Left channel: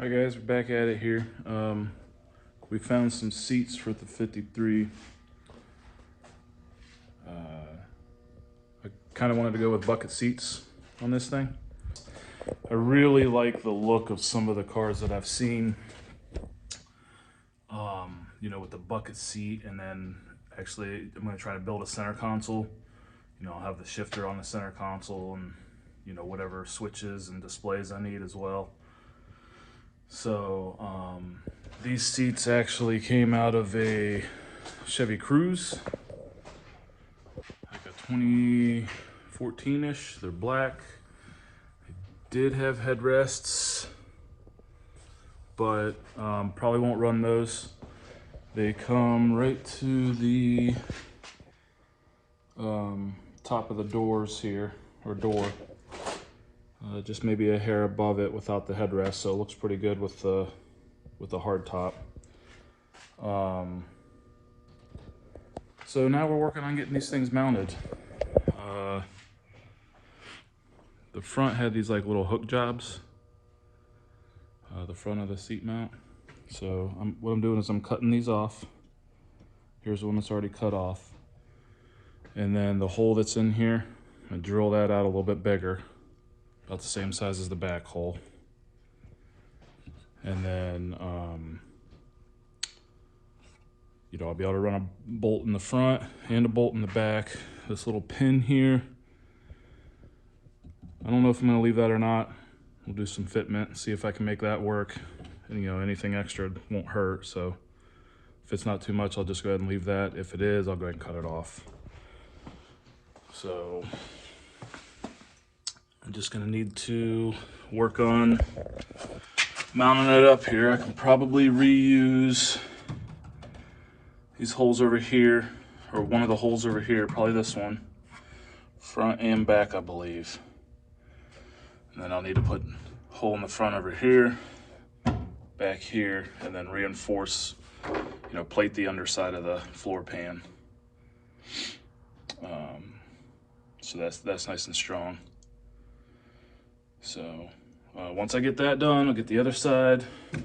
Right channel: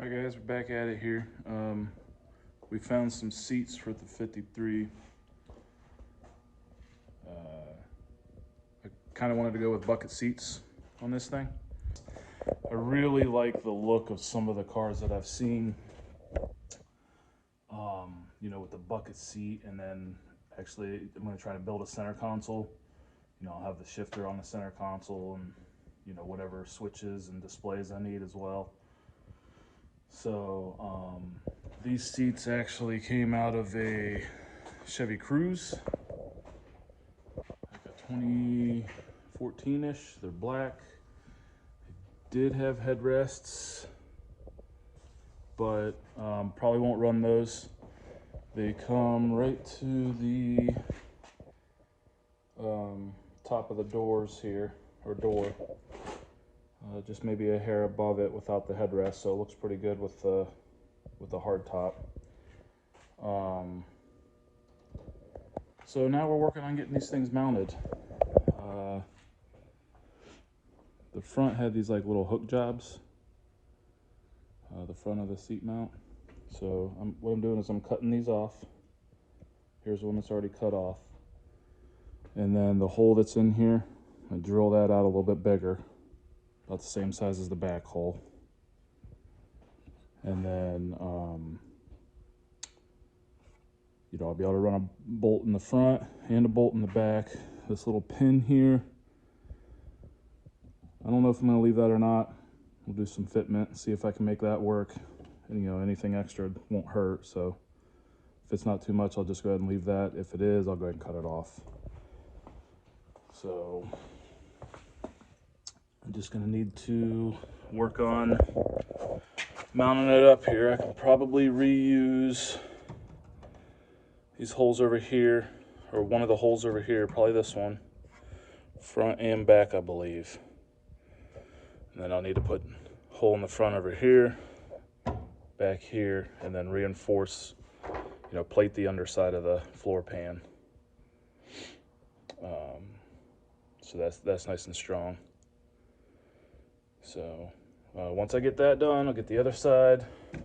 Alright guys, we're back at it here. We found some seats for the 53. I kind of wanted to go with bucket seats on this thing. I really like the look of some of the cars that I've seen, you know, with the bucket seat, and then actually I'm going to try to build a center console. You know, I'll have the shifter on the center console and, you know, whatever switches and displays I need as well. So these seats actually came out of a Chevy Cruze, like a 2014-ish. They're black. They did have headrests, but probably won't run those. They come right to the top of the doors here, or door. Just maybe a hair above it without the headrest, so it looks pretty good with the hard top. So now we're working on getting these things mounted. The front had these like little hook jobs, the front of the seat mount. So what I'm doing is I'm cutting these off. Here's one that's already cut off. And then the hole that's in here, I drill that out a little bit bigger, about the same size as the back hole. And then, you know, I'll be able to run a bolt in the front and a bolt in the back. This little pin here, I don't know if I'm gonna leave that or not. We'll do some fitment, see if I can make that work. And, you know, anything extra won't hurt, so if it's not too much, I'll just go ahead and leave that. If it is, I'll go ahead and cut it off. So I'm just gonna need to work on mounting it up here. I can probably reuse these holes over here, or one of the holes over here, probably this one, front and back, I believe. And then I'll need to put a hole in the front over here, back here, and then reinforce, you know, plate the underside of the floor pan. So that's nice and strong. So once I get that done, I'll get the other side, and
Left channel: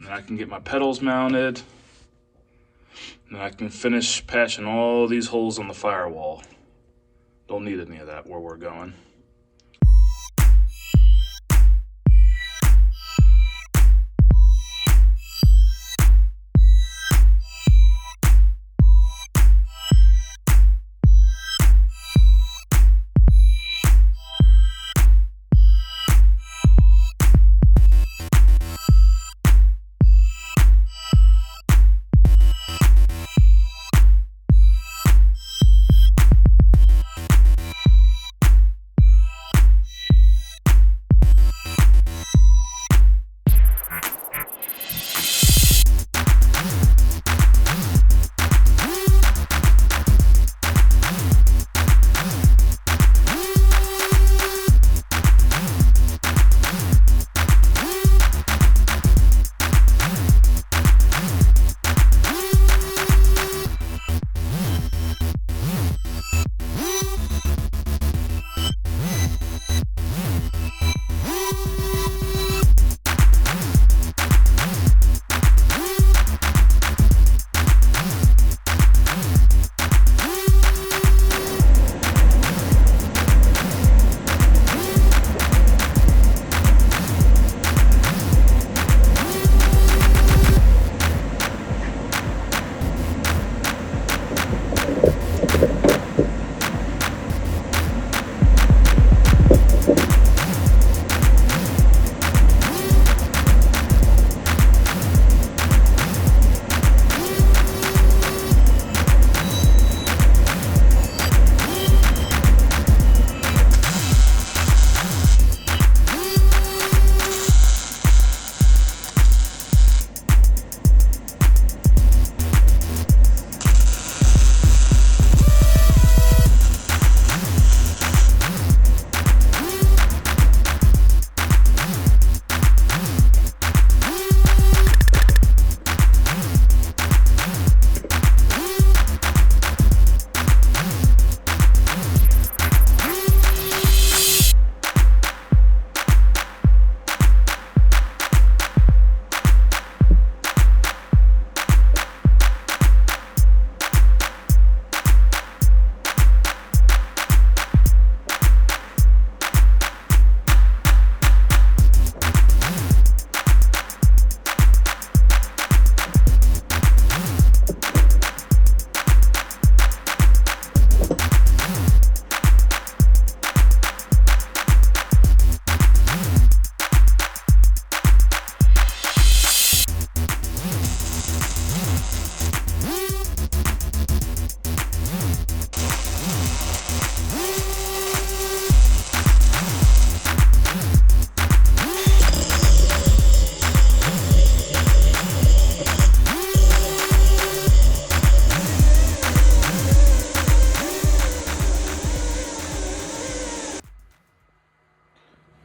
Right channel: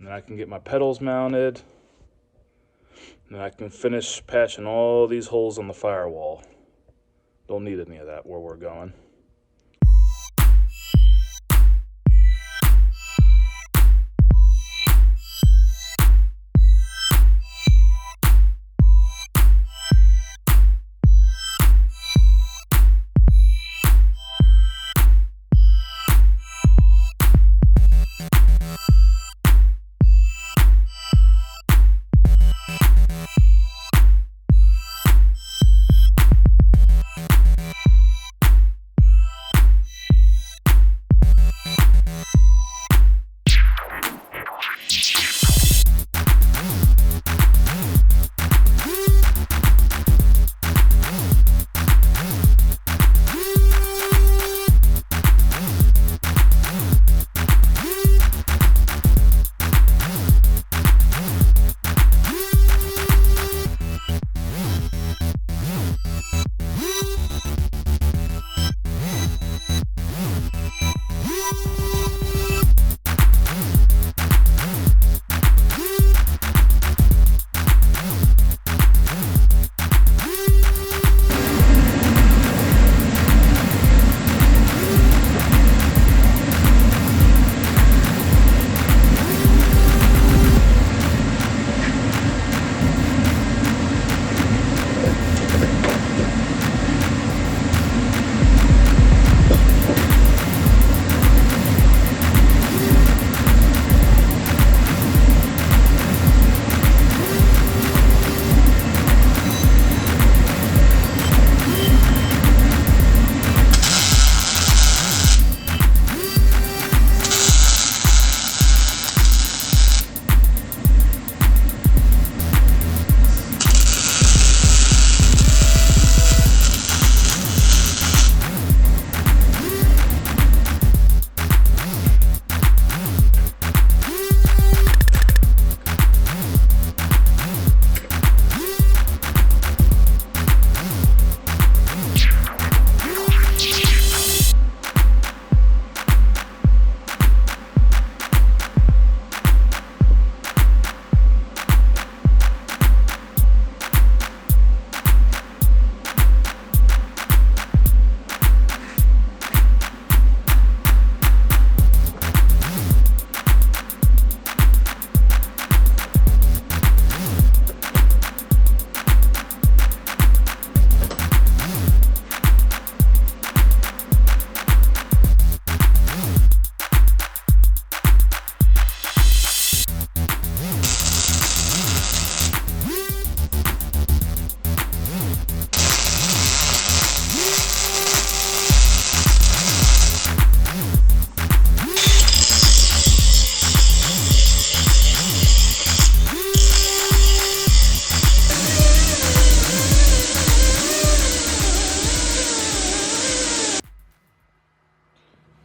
then I can get my pedals mounted, and then I can finish patching all these holes on the firewall. Don't need any of that where we're going.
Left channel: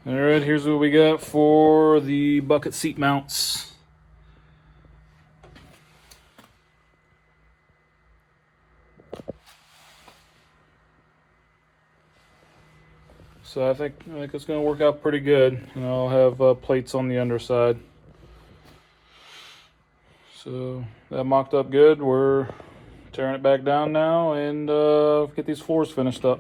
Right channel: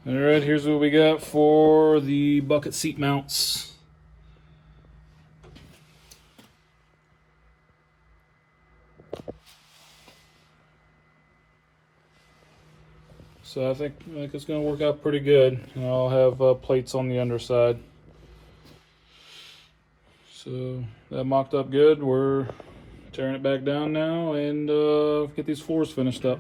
All right, here's what we got for the bucket seat mounts. So I think it's going to work out pretty good. And I'll have plates on the underside. So that mocked up good. We're tearing it back down now and get these floors finished up.